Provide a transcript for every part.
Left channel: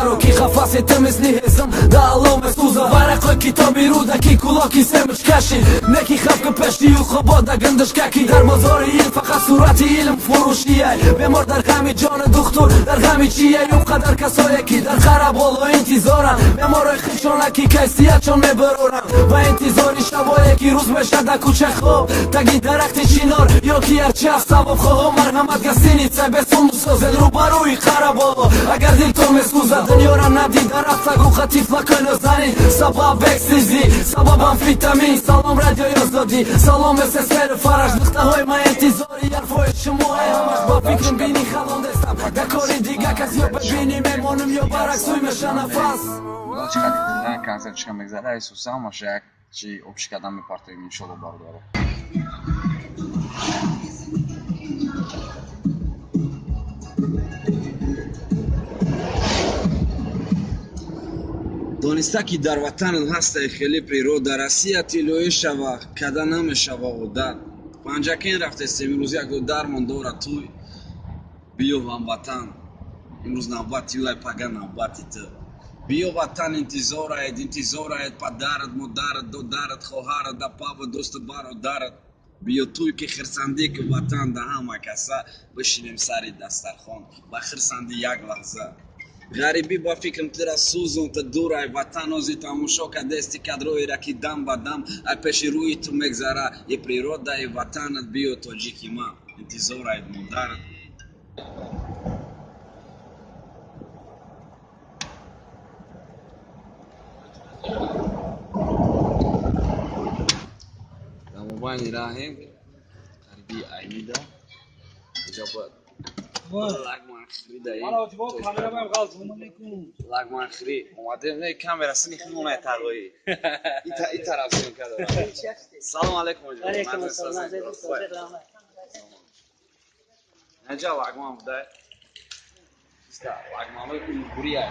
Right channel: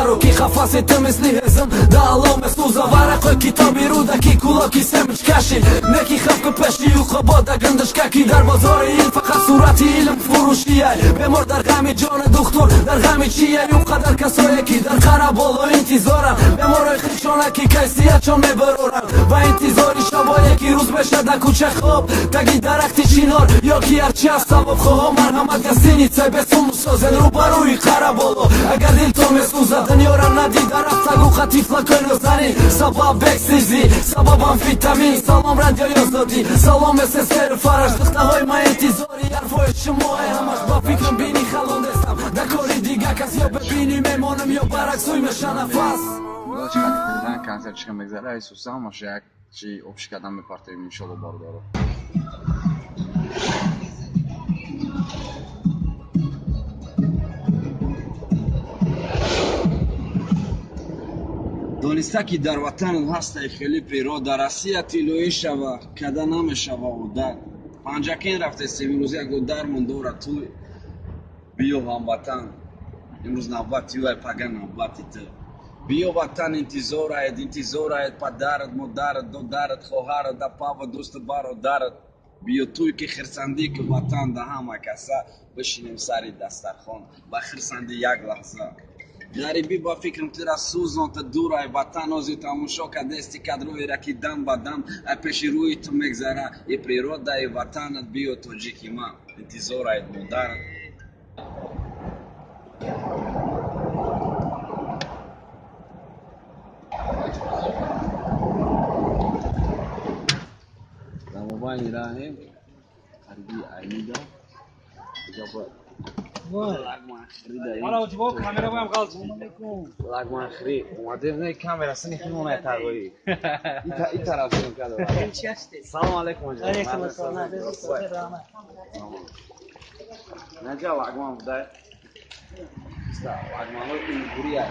برو کی خفاسی تو مثلی هزم دا علوم سوزا ورق کتابی رو دکی کلاکی سمج کشید نکی خفک پشتی و خبادا گندش ککی در بازار این فقط صورتی علم فروشیه بمار در غمی جان دکتر در غمی چیه یو قدر کسایی که در خرابال و انتظارن بمارای خیشانکی کیسیت چون میبرورن و انتظاری شبایی که روز بشه در کوچه خواب تگی درخت چینار یا کی هرچی از سبب خواه مرحمت گستینی چه بسون مسازن رو بروی خرابالو اگر دل تو مسوزه دنیا را ندی درفت لگو خطیف لکنو زنین سبب وکسیزی سبب امفیتامین سلام رادیو یازدادی سلام مثل سر فرش دخته های ما انتظاری حرفای شما همش با فکرم بینی خلان دستم در کاری دیگه کسی یا ببینی میمانم یا برعکسوی میشه نفس چقدر کنسرت چکم بگذاره ایسوسا هماشه یک چی ابشی کدم به پارتوی میشالو باردارو دانسته که در وطن هسته خیلی پیرو در Россия تیلوی شوه کده نمیشوه و در پنجکین رفته است امروز یک درمان داره توی بیو هموطن امروز نوبتی و پگه نوبتی تو بیو وطن انتظارت پدرت مادرت دادرت خواهرت دپا و دوست برادرت بیو توی که خرسندی که وطن ده همه کسه بشینیم سری دسترخوان و خرسندی یک لحظه غریبی با فکرم تیرا سوزان تا دورای وطن آزی تماشا که دستی کدروی را که دم با دم پیش روی تو مگذره ای پریرودای وطنت بیو تاجیکی من انتظارت مادرت در موبایل راهیم غریبی ایمیده اجابت لاگمان خریده این لاگمان خرید اومده نه کامرا سنی خیمونه تقوی این طرف سیم کرده سلام علیکم علیکم السلام نجا لاگمان بوده لاگمان این بوریه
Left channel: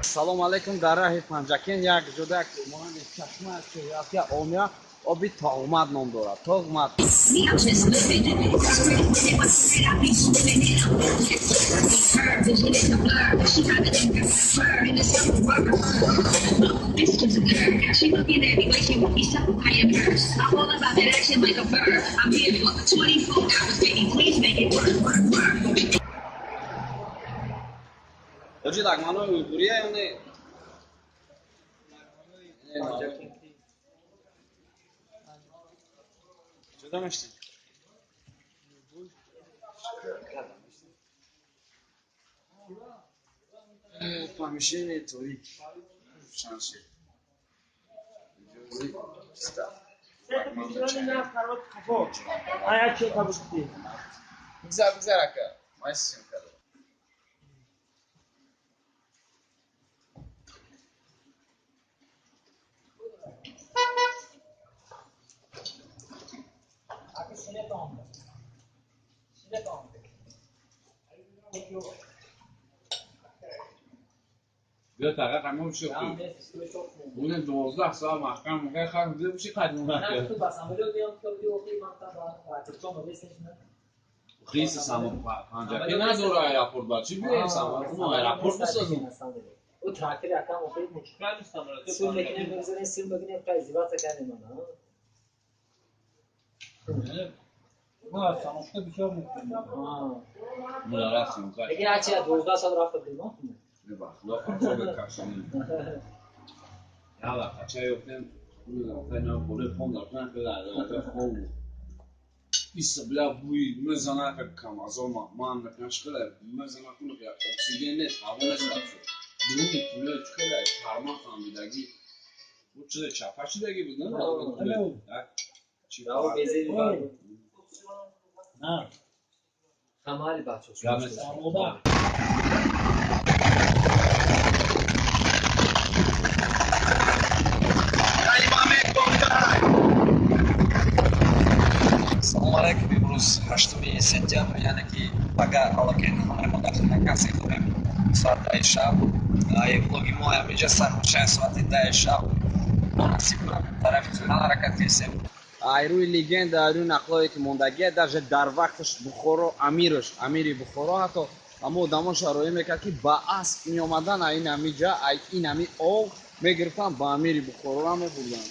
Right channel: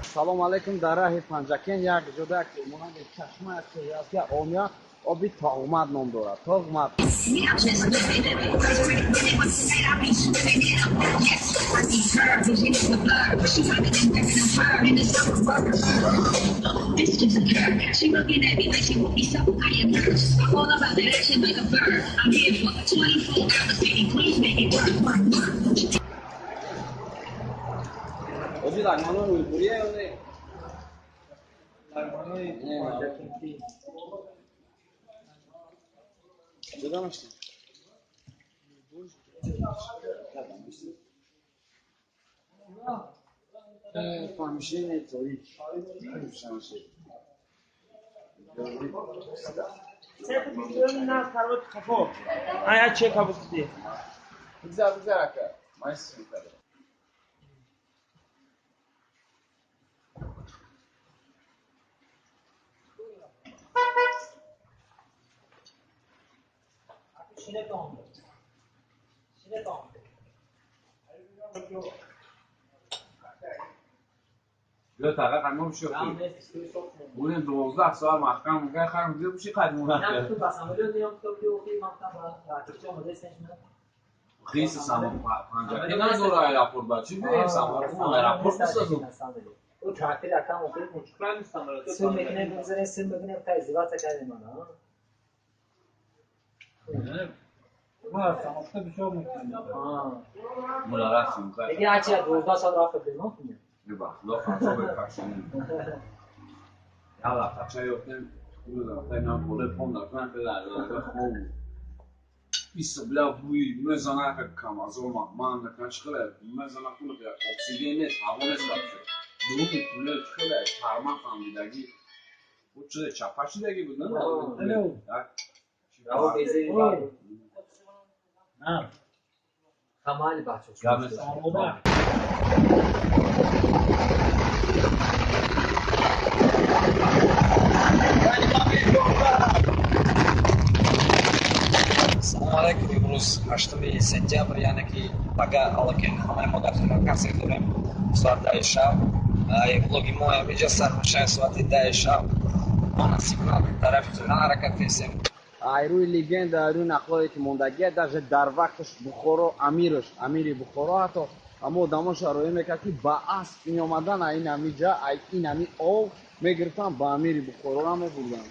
سلام علیکم در راه پنجکین یک جدا مانند چشمه است یا اومیا آبی تا اومد نام دارد تا اومد Oji lagmano uyburiye ya ne? Joda mı işte? Помещение Торик. Шансы. Aya çek kabukti. Güzel aka. Mayısın kadar. بیا فقط همون شو بودن 12 ساعت محکم میگه خرم دیگه بشی قدیم نه تو بس عملو دیام تو بیوقی مکتب تاکچو مدرسه خیس سامان پنجا که نه دور ایرپورت با چی بیه سامان اون ایرپورت بسازم او تراکتور یکم اوپر مشکل نیستم تو سر میکنه بگذارین سر بگیریم تا ازدواج کردیم من ما سانسته بسیار میکنیم مدارستیم بگیر هرچی 12 سال رفت بیرون ببخش لا خطا به کشنیم یا لا خطا یفتن خود رفتن هم بوده پون دارتن به لعظه خوب بیست بلا بوی مزانه که کم از اون من نکنش خیلی مزانه کنه که اکسیژن نیست هوا نیست بسه دو میتونه خیلی پرما خاندیدگی بود چه چپاشی دگی بود نه چی راو بیزی نه خمال بچه شد سلام علیکم امروز 8 سپتامبر یعنی که پگاه алакин همه ما در مکان داریم ساعت 10 شب ای vlogi ما اینجا سر میشه ساعت 10 شب مناسب نه طرف تو حرکت هستیم ای روی لگند روی نقلی که موندگی даже در وقتش بخورو امیری بخورو حتی اما آدما شرایط میکرد که با اسب میامدن این همینجا این همین آب میگرفتن با امیری بخورا میبردن.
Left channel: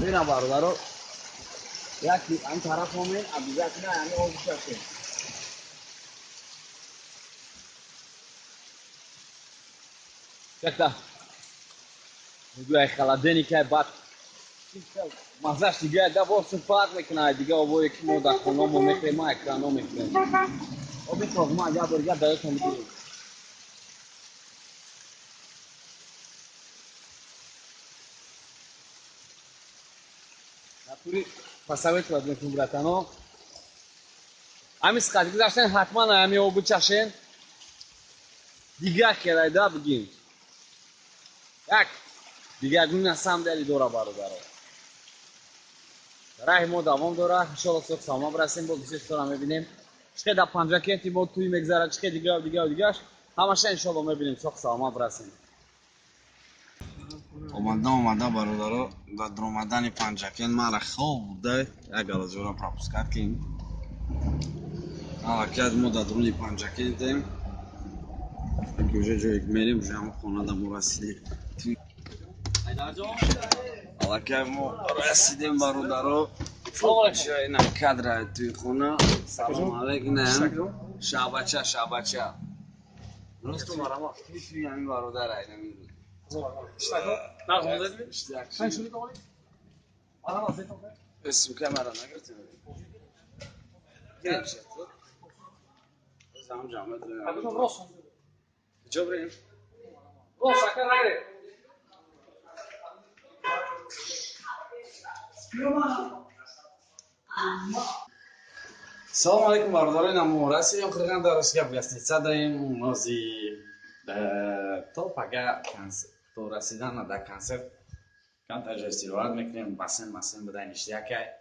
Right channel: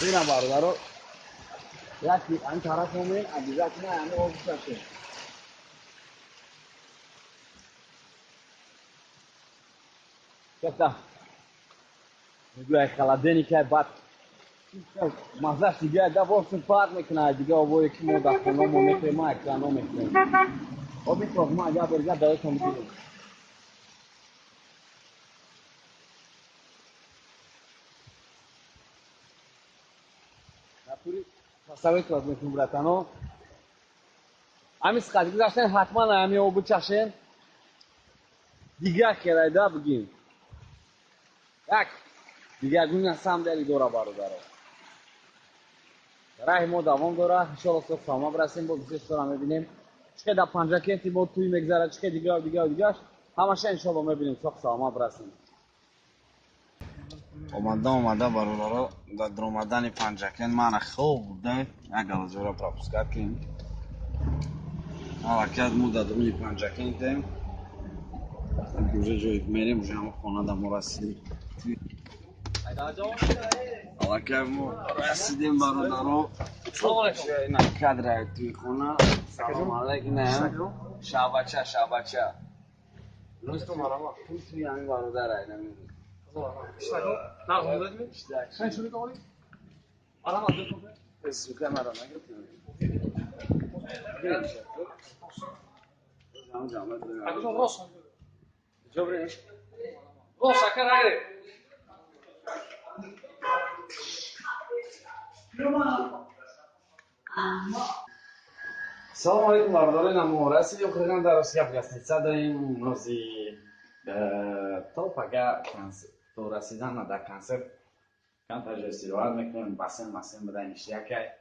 ببینم برادرها یکی این طرف همین عبدالزک نه همین آب شده چکتا میگوی خلدنی که بعد مزهش دیگه ده بارسون فرق میکنه دیگه آبایی که ما در خونه ما میخوریم ما اکرانا میخوریم آبی تاق ما اگر برگرد دایت هم بگیریم نپوری پسویت باید میکنم براتنو همین سختی گذاشتن حتما همین آبو چشن دیگه کرای ده بگیم یک دیگه گونه نسام داری دورا برادرها راه ما دوام داره انشالله صبح ساما برسیم با گزارش رو میبینیم چقدر در پنجره کنتی ما توی مگذره چقدر دیگه همش انشالله میبینیم صبح ساما برسیم اومده برادرها در اومدن پنجکن من خوب بوده یک گلزورا پراپسکت کن حرکت ما در درون پنجکن تیم اینکه جایی که میریم جمع خانه در ما رسیدیم حرکت ما رسیدیم برادرها جای نکدر توی خونه سلام علیکم نه شعبچه روز تو مرما توی همین برادر اینا میرود اسم که مرا نگرفتیم گرین شد روز همون جامعه داریم کجا بریم؟ سلام علیکم برادران ما رسیدیم خیلی درست گپ گستیده داریم نازی تا پگه تو رسیدن در کنسرت کم تجربه استراحت میکنیم بسیم بدن اشتیا که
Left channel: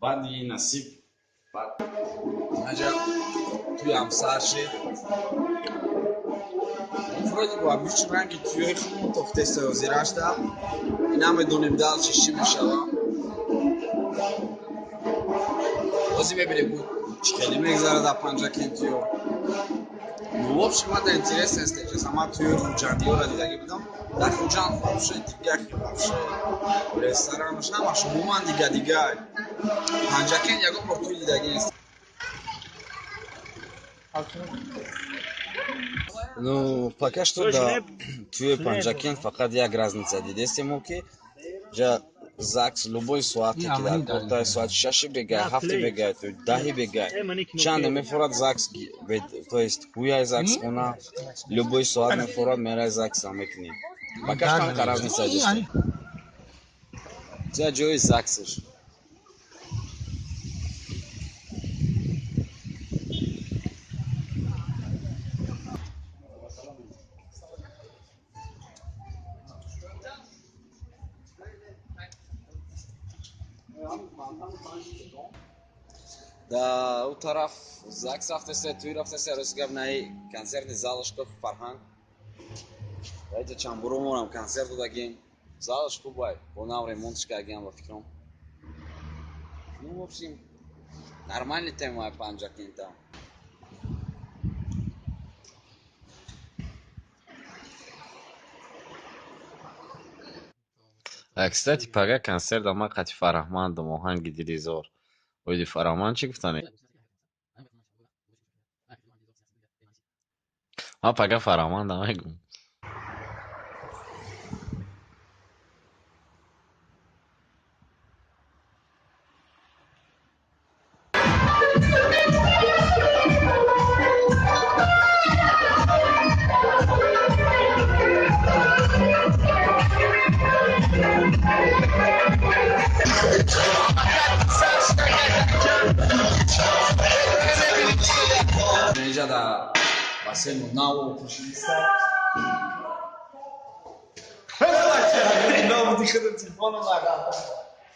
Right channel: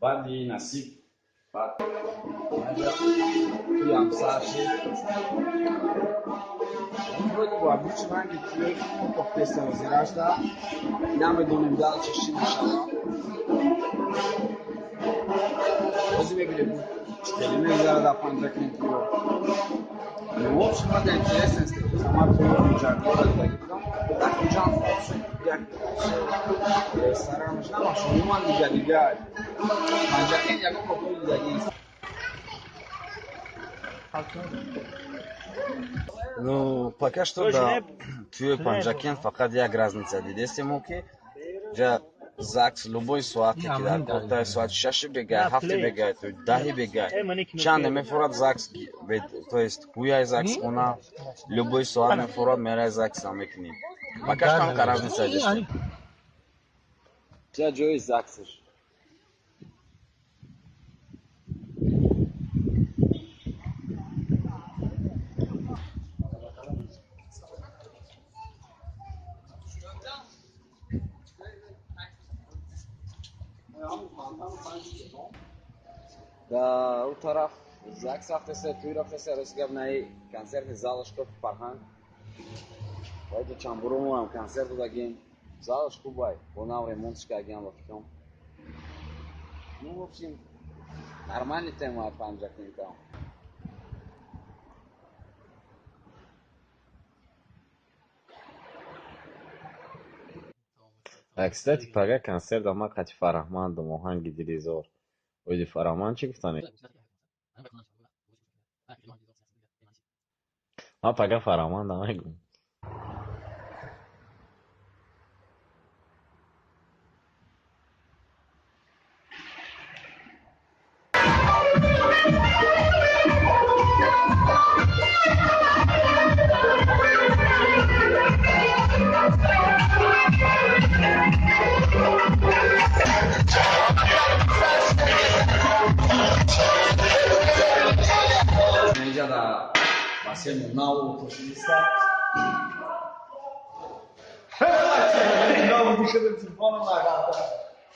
بعدی نصیب بعد نجا توی همسر شد افرادی با بیچ رنگی توی خون تخته سیازیرش ده این همه دونیم دلش چی میشوه بازی ببینیم بود خیلی میگذره در پنجه کنتیو نوابش ما در انترس استیجز اما توی خوجندی ها را دیدگی بودم در خوجند خواب شد دیگه خواب شد رستورانش همش عموما دیگه پنجه کن یکو پر توی دیدگی است Ну, пока что да. Твой панджакен факат як разница дидести мо ки жа ЗАГС любой суати ки дар портай суати 6 бегай, 7 бегай, то 10 бегай. Чанд мефурад ЗАГС, то есть хуяй ЗАГС хона, любой суат мефурад мерай ЗАГС амекни. Пока что там разница дидести. Жа ҷои ЗАГСш. Да, у тараф ЗАГС рафтасе, туй рафтасе, розгаб наи концертни залошков Фарҳанг. Вайҷа чамбурумонам концерт додагим. Залош хубай, бо нав ремонтш кардагим ба фикрам. Ну, в общем, нормальный тема панҷакин там. Кстати, пага концерт дома Қати Фараҳманд дом оҳанги Дилизор. Оиди Фараҳманд чӣ гуфтани? Ма пага Фараҳманд намегум. اینجا در بسیم ناو خوشیسته ناو دیخدم تلفونم نگاه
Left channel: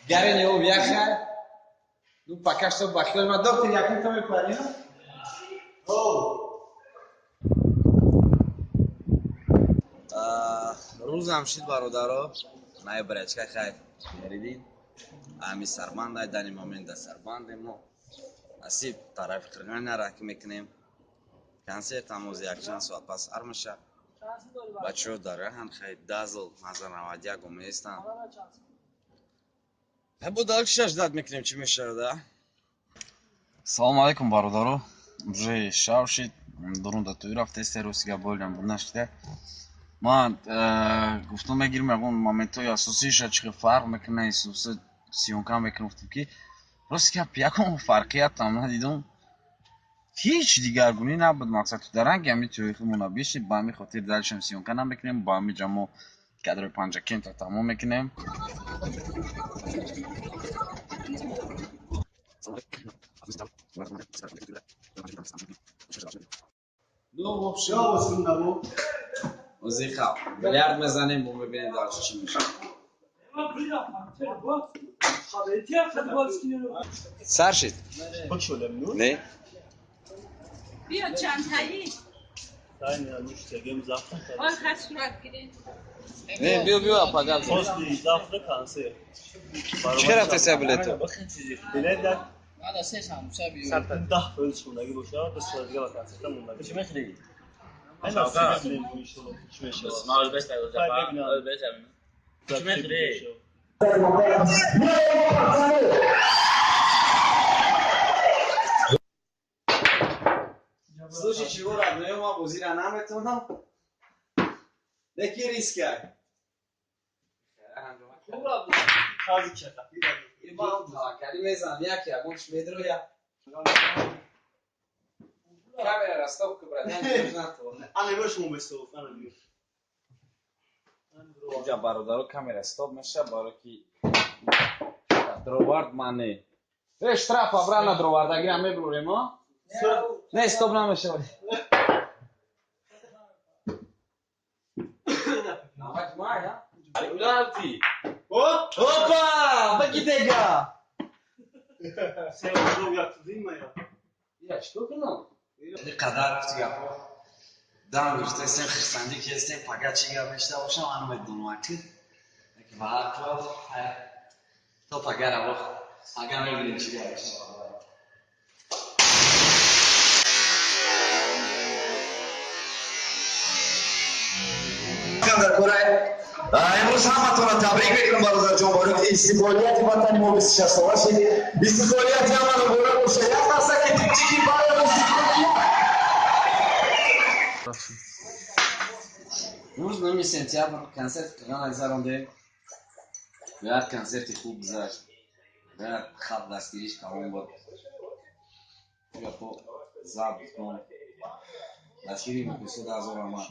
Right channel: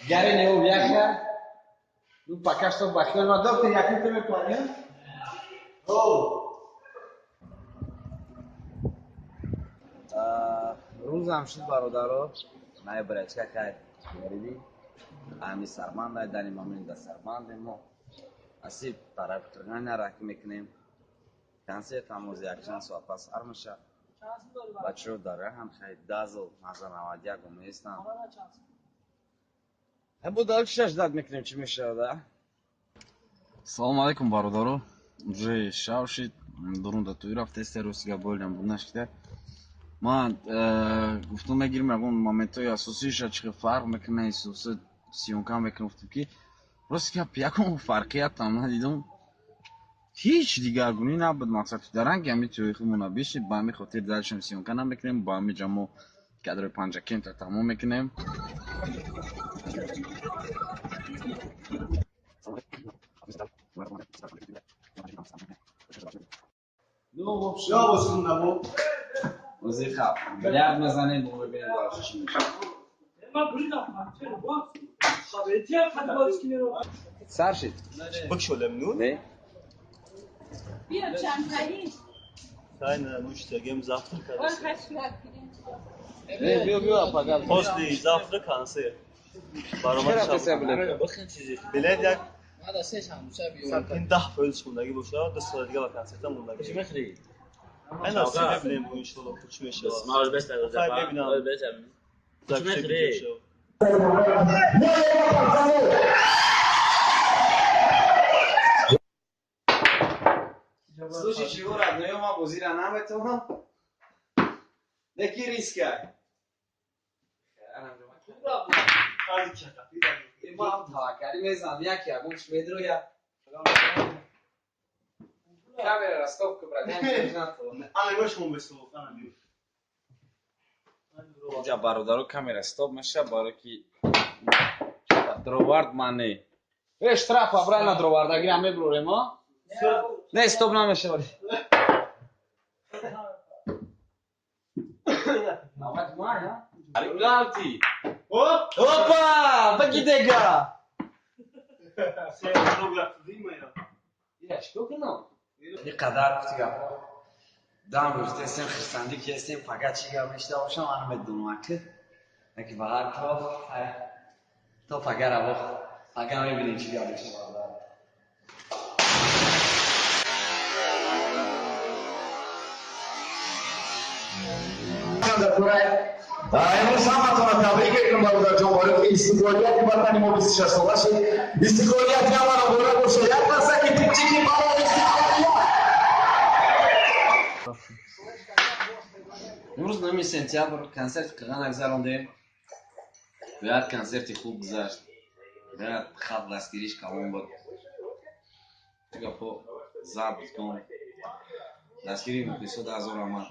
گرین یو بیاخه نو پاکش تو بخیر ما دکتر یکی تو میپانی روز همشید برادرها نای برچکه خیر گریدین همی سربند های دنی مامین در سربند ما اسیب طرف قرغن را که میکنیم концерт ҳамоз якчанд соат пас ҳар меша бачаҳо дар раҳан хай дазл маза 91 меистан бо дал чишаш дад мекунем чӣ мешавада. Салом алейкум бародаро. Уже шав шид. Дурунда туй рафтесте русига болям буднашкида. Ман гуфтум мегирим ягон моментои асосиша чӣ фарқ мекуна исуси сиёнка мекунам гуфтум ки росига ягон фарқият там надидум. Ҳеҷ дигаргунӣ набуд мақсад дар ранги ҳамин туйхимона бишид ба ҳамин хотир далшам сиёнка намекунем ба ҳамин ҷамо кадри панҷакентра тамом мекунем. музика бильярд мезанем бо мебинем далш чӣ мешавад. сар шид не بیا چندتایی Aynen müşteriyim zafra آن خط صورت گیرین не биё пагал Posli zafra kanser. чӣ рафтеса билет Bilet yak هذا سيش هم شابي satin dah ölçümündeki bu şahı da sıradaki vakansiyetten bundaki. كم يخري En az sebepliyim bu inşallah uçmuş ya. ما هو بس هذا Kaybedin زفا abi. بس Gerçek Kime bir kırıyor? şey. Слушай, чего родной, ма бузира нам это нам? Неки риска. Tazi kaka. Имам такари мезан, як я гуш медро я. Камера растопка брат, я то. Ana göç mu besto? Ana diyor. Инҷа бародаро камера стоп меша, баро ки дровард мане. Штраф абрана дровардагӣ ҳам мебурем, а? Не, стоп намешавад. Навбат май, а? Пеналти. Опа! Бакитега! Sen onu yaptı değil mi ya? Я што кунам? Ини қадар гуфтига. Дан гуфте сен христианди ки естем пагачига мешта бошам ан медунам ки. Таки ба ҳар ҳол то пагара во. Пага мебинем чига мешавад. امروز همتون تبریک میگم برادر جان برای که استقلالیت وطن ما 26 ساله شد استقلالیت ما رو برای باشه یک دسته که تیپچی برای استقلالیت امروز 9 сентябр концерт қилған нагзарондем. Бояд концерти хуб гузашт. Бояд хат дастгириш калон буд. Гапо забт кун. Дастгири муқису 10,000 омад.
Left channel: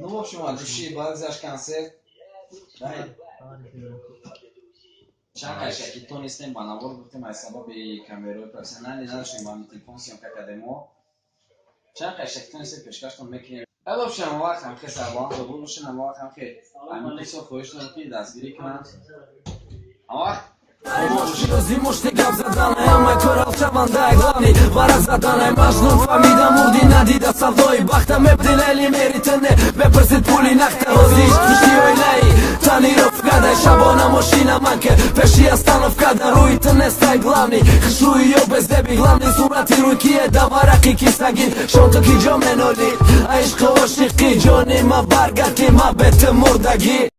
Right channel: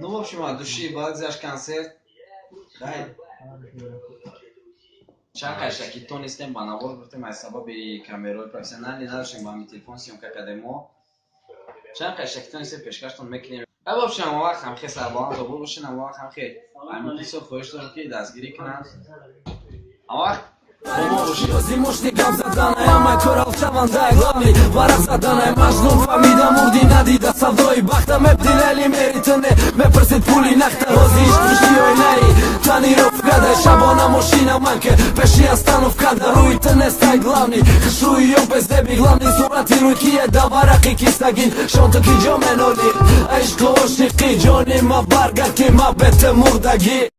Ну, в общем, от души багзаш концерт. Хай. Чакай шаки то нестем ба навор гуфтем аз сабаби камерои профессионали надоштем ба ҳамин телефон сиёмка кардемо. Чакай шаки то нестем пешкаштон мекунем. В общем, вақт ҳам хел сарбаланд забур бошин, вақт ҳам хел ҳамин қисо хоҳиш дорам ки дастгирӣ кунанд. Вақт Зимушни гап заданай, ама корал шавандай главни Варак заданай, мажнун фамида мурди надида савдои бахта Мебдилали меритане, мепрсид пули нахта Ҳози ишқишти оилаи танировкадай Шабона мошина манке, пеши остановкада Руи тнестай главни, хшруи ё безеби Главни сурати руи кие да варақи кистагин Шонту ки ҷо меноли, ишқи ошиқи ҷони ма барга ки ма бете мурдаги